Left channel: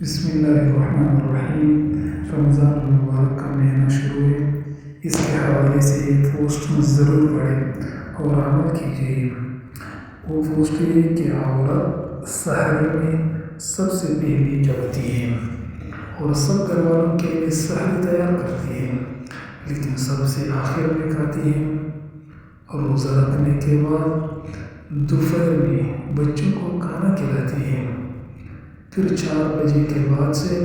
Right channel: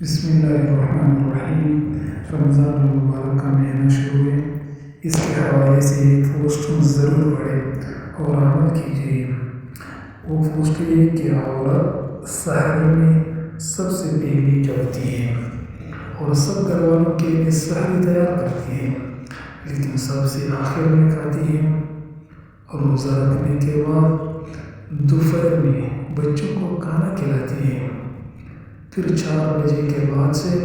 بسم اللہ الرحمن الرحیم۔ رمضان المبارک کا مہینہ شروع ہے، اس کے حوالے سے ایک پوسٹ ضرور پڑھیں اور عمل کیجیے۔ وہ پوسٹ یہ کہ عورت سحر میں سب سے پہلے جگتی ہے اور سب گھر والوں کے لیے سحر تیار کرتی ہے، لیکن سب سے آخر میں کھاتی ہے۔ روزہ رکھنے کے بعد دوپہر میں بچوں کو کھانا کھلاتی ہے، پھر 4 بجے کے بعد سے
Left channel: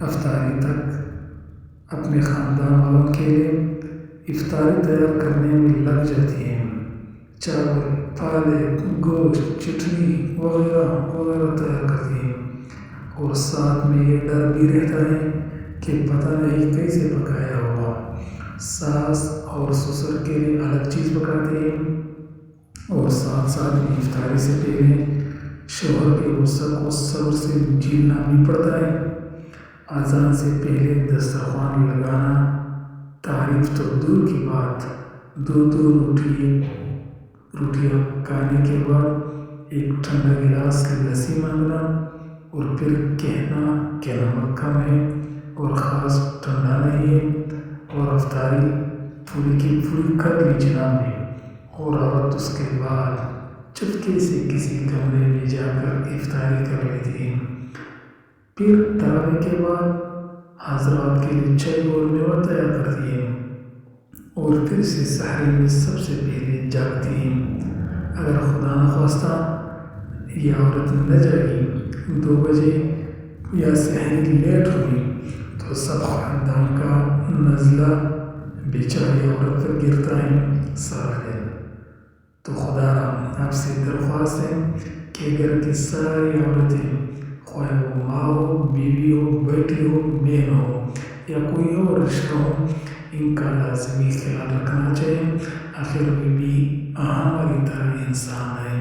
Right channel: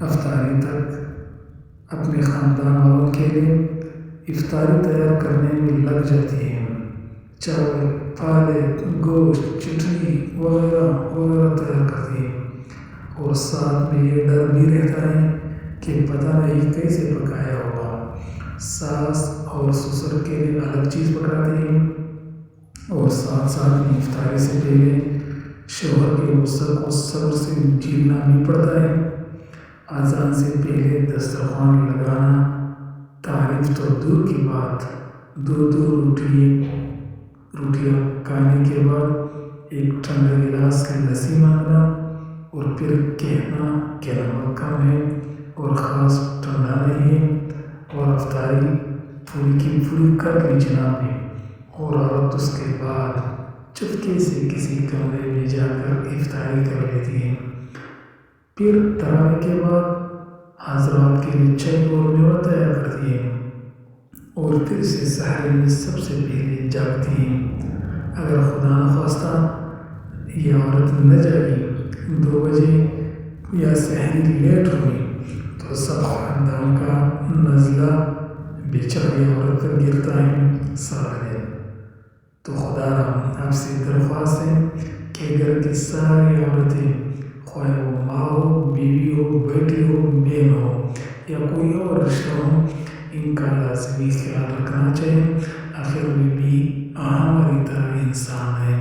افطاری تک اپنے خاندان والوں کے لیے افطاری تیار کرنے میں لگ جاتی ہے۔ چاول، پالک، گوشت، چٹنی وغیرہ وغیرہ تیار کرتی ہے، اور ساتھ میں یہ ڈر بھی رہتا ہے کہ پتہ نہیں کیسے پکایا ہوگا۔ ساس اور سسر کے لیے الگ چیز پکاتی ہے، اور ساتھ ساتھ میں افطاری سے پہلے شوہر کے غصے کو صبر سے جھیلنا بھی پڑتا ہے۔ اذان سے پہلے دسترخوان لگانا تعریف تو دور کی بات، دو روٹیاں کھانے کے بعد ایک ٹھنڈا گلاس لسی مانگنا، اور پھر کہنا کہ نمک کم ہے اور خاص ٹھنڈا نہیں ہے، اور افطاری پوری کی پوری کر لی جناب نے، اور عورت اس کے بعد چپکے سے کسی کمرے میں جا کر افطاری کر لیتی ہے۔ پھر تراویح کے بعد حضرات کے لیے چائے اور میوہ تیار کرتی ہے، اور پھر سے سحر میں سب سے پہلے جاگتی ہے۔ اگر خدا نخواستہ یہ عورت نہ جاگی 2 بجے یا سحری لیٹ ہوئی تو سب خاندان کا نزلہ بیچاری عورت پر گرتا ہے سارا دن۔ تو خدا را آپ سے درخواست ہے کہ گھر کی ساری عورتیں، خواہ وہ ماں ہو، بیوی ہو، بیٹی ہو، بہن ہو یا کوئی اور رشتہ ہو، ان کا لازمی خیال رکھنا چاہیے۔ آخر میں بھی ہماری طرح انسان ہے۔